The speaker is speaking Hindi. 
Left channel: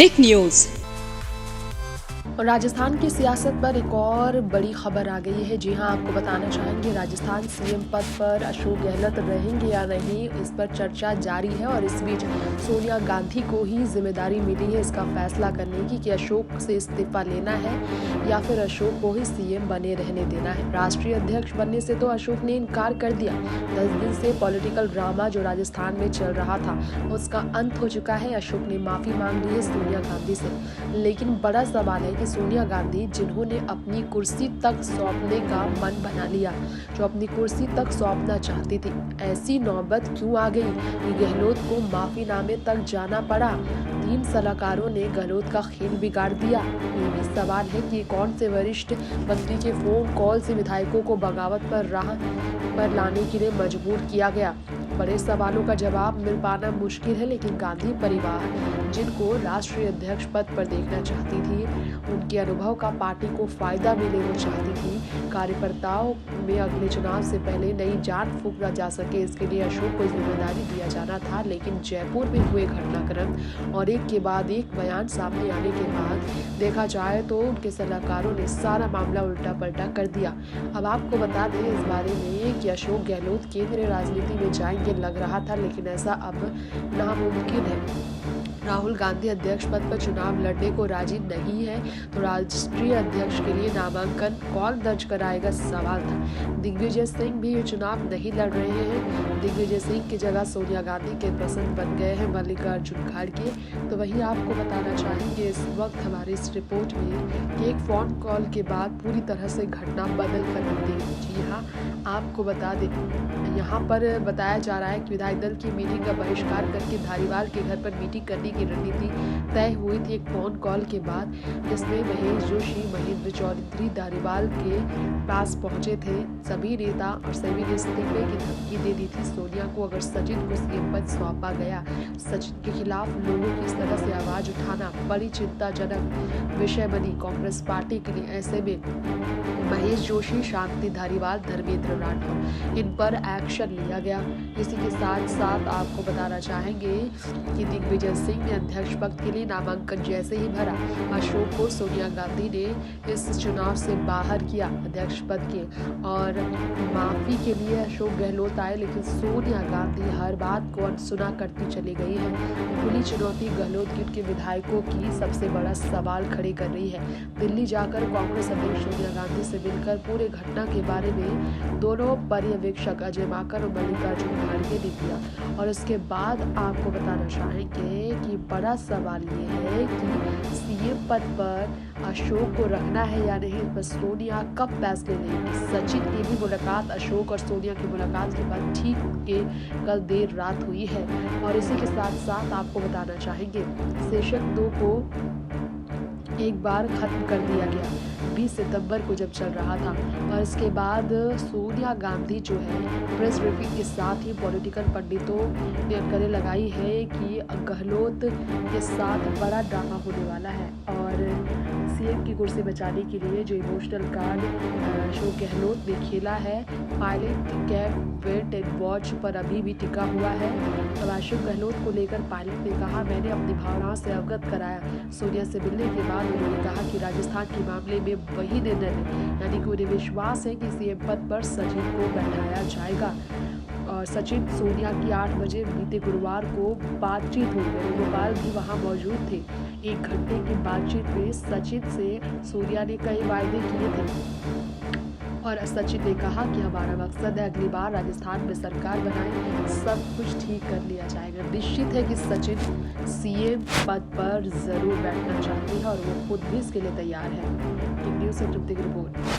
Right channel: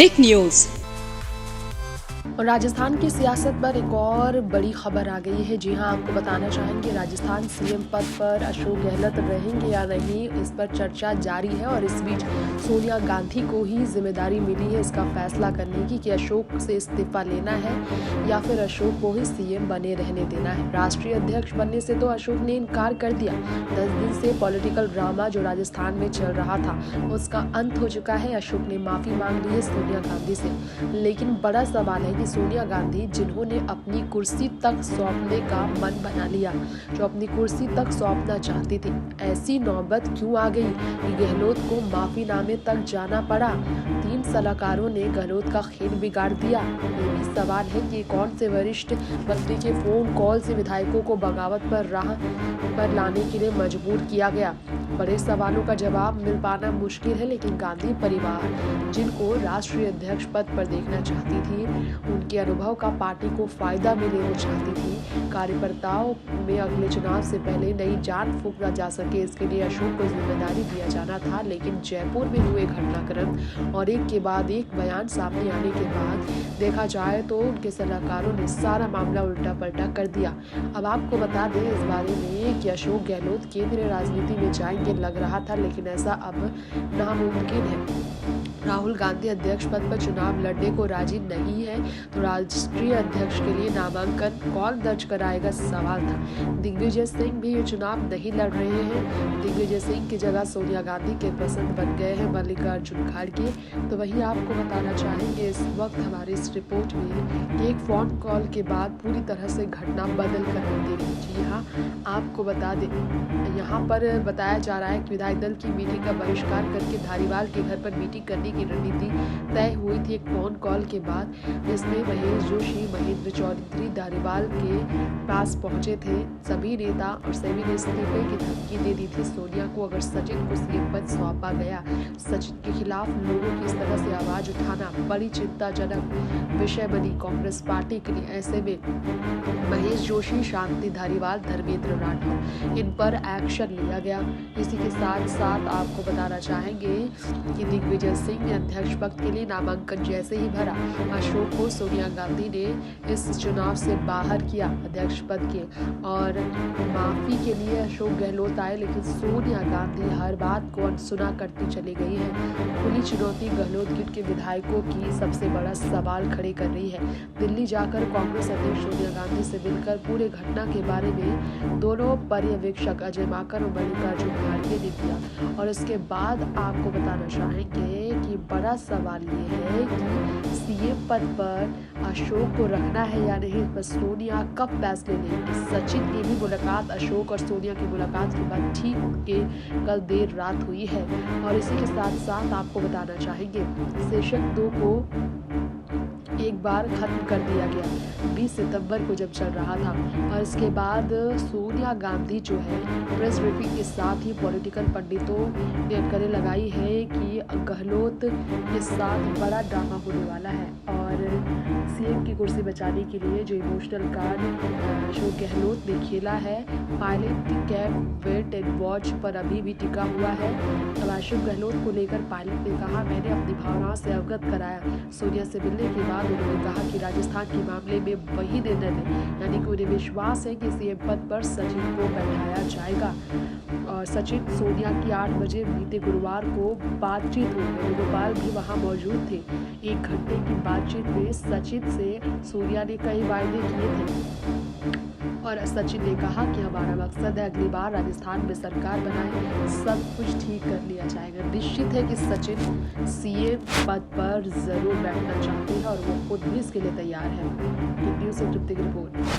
टिक न्यूज। और राजस्थान की सियासत पर एक और बड़ी खबर आ गई है। जी हां, आपको बताना चाहेंगे राजस्थान सीएम पद पर अशोक गहलोत रहेंगे या नहीं, इस पर चर्चा जारी है। और इस बीच सोनिया गांधी को ही जिम्मेदारी मिली है इसका फैसला करने की कि अशोक से इस्तीफा लेना है या फिर अशोक को ही सीएम बने रहने देना है। राष्ट्रीय अध्यक्ष बनने से तो अशोक ने इनकार कर दिया। 10 दिन से पॉलिटिकल ड्रामा जो राजस्थान में चल रहा था उसका अंत हो चुका है। अशोक ने माफी मांग ली है सोनिया गांधी से, लेकिन बड़ा सवाल है कि सोनिया गांधी जिन्होंने अपनी कुर्सी तक सौंपने का मन बना लिया, जो अपनी कुर्सी तक सौंपना चाहती थी, ऐसी नौबत क्यों आ गई कि गहलोत को माफीनामे तक जाना पड़ा। 3 सलाहकारों ने गहलोत का खेल बिगाड़ दिया। ये भी सवाल है कि कौन से वरिष्ठ मंत्री के फोन कॉल से विधायकों को बगावत पर राह पर लाने के लिए मजबूर किया गया। बड़े सवालों का जवाब मिल पाना मुश्किल है, लेकिन गांधी परिवार जिनको राष्ट्रीय अध्यक्ष पद पर देखना चाहती थी, उनके अनुभव का पार्टी को फायदा मिले वो चाहती थी। कार्यकर्ताओं में अगले चुनाव से पहले नई जान फूंकना जा सके, इसके लिए अशोक को जिम्मेदारी दिया जाना था। लेकिन जयपुर में हुए घटनाक्रम और एक के बाद एक बयान सामने आने के बाद देखा जाए तो उनके सलाहकारों ने सारा मामला उल्टा पलटा कर दिया। अब आपको बता दें इस बारे में कि अशोक गहलोत केंद्रीय राजनीति में जाएंगे लग रहा था, लेकिन ऐसा अब नामुमकिन है। राहुल गांधी अध्यक्ष पद पर चुनाव लड़ने को राजी नहीं है, तो राष्ट्रीय अध्यक्ष के लिए नामांकन कौन दर्ज कराएगा सवाल था। दिग्विजय सिंह भी ये चुनाव नहीं लड़ रहे हैं। दिग्विजय सिंह की जगह सोनिया गांधी के पसंद बन गए हैं मल्लिकार्जुन खड़गे। तो वहीं आपको बताना चाहेंगे इस वक्त हमारी इस रिपोर्ट में कि एक फोन कॉल के बाद पूरी तरह से घटना बदल कर रख दी गई। जी हाँ, आपको बता दें यहाँ पर बताया जा रहा है कि विधायक दल की मीटिंग का बहिष्कार करके धारीवाल के घर पर मीटिंग करने की रणनीति तय हुई थी एक फोन कॉल के बाद, जिसमें महेश जोशी, महेंद्र चौधरी धारीवाल के पास पहुंचे थे। सभी नेता और सभी ने इस्तीफे की धमकी दे दी थी सोनिया को अगर सचिन को सीएम पद सौंपा गया। सचिन के खिलाफ लोगों की इस तरह से आवाज उठाना बड़ी चिंताजनक विषय बनी कांग्रेस पार्टी के लिए। ऐसे में महेश जोशी, शांति धारीवाल, धर्मेंद्र राठौर, इन पर एक्शन लिया गया। इसी के साथ साथ आपको बताना चाहेंगे कि दिग्विजय सिंह ने अध्यक्ष पद के लिए नामांकन जैसे ही भरा, अशोक को सोनिया गांधी ने इस चुनाव से बाहर किया अध्यक्ष पद के। और माफी के लिए अशोक गहलोत आए, लेकिन सोनिया गांधी हर बात को अनसुना करती चली गई है। खुली चुनौती गहलोत गिट के विधायकों की सबसे बड़ा सवाल खड़े कर रही है। दिल्ली जाकर कांग्रेस अध्यक्ष सोनिया गांधी से मिलकर पूरे घटना के बारे में दोनों पर्यवेक्षक अजय माकन और मल्लिकार्जुन खड़गे ने दिया। और इसके बाद आपको बताना चाहेंगे कि बड़ा सवाल ये है कि सीएम पद पर अशोक को रखना है या नहीं, पर सोनिया कब फैसले लेंगी। सचिन की भी मुलाकात अशोक और सोनिया की मुलाकात के बाद ठीक के कल देर रात हुई है। और इसी के साथ साथ आपको बताना चाहेंगे सेशन 2 को एक बार खत्म कर दिया गया 20 सितंबर को जब चल रहा था। और इसके बाद सोनिया गांधी जो है प्रेस ब्रीफिंग के साथ ही पॉलिटिकल पंडितों ने अटकलें लगाई है कि गहलोत के साथ बड़ा ड्रामा होने वाला है। और सीएम की कुर्सी बचाने के लिए जो इमोशनल कार्ड अशोक गहलोत ने खेला है, Pilot camp wait and watch पर अभी भी टिका हुआ है। अब अशोक गहलोत को लेकर पायलट ने कहा, मैंने अपनी भावनाओं से अवगत कराया। सोनिया से मिलने के बाद उन्होंने कहा कि राजस्थान के मामले में वही निर्णय लें, यानी कि उन्हें विश्वास है कि सीएम पद पर सचिन को बैठाया जाएगा। और सचिन सोनिया की 8 बजे बीते गुरुवार को बातचीत हुई। वेणुगोपाल भी वहां मौजूद थे। 1 घंटे की बातचीत में सचिन से सोनिया ने कई वायदे किए थे। और सचिन ने कहा कि हमारा मकसद है अगली बार राजस्थान में सरकार बनाए, सब कुछ ठीक कर लिया जाएगा। निश्चित है कि सचिन सीएम पद पर जरूर बैठना चाहते हैं और वो खुद भी इसके लिए तैयार है। न्यूज़ से तृप्ति की रिपोर्ट।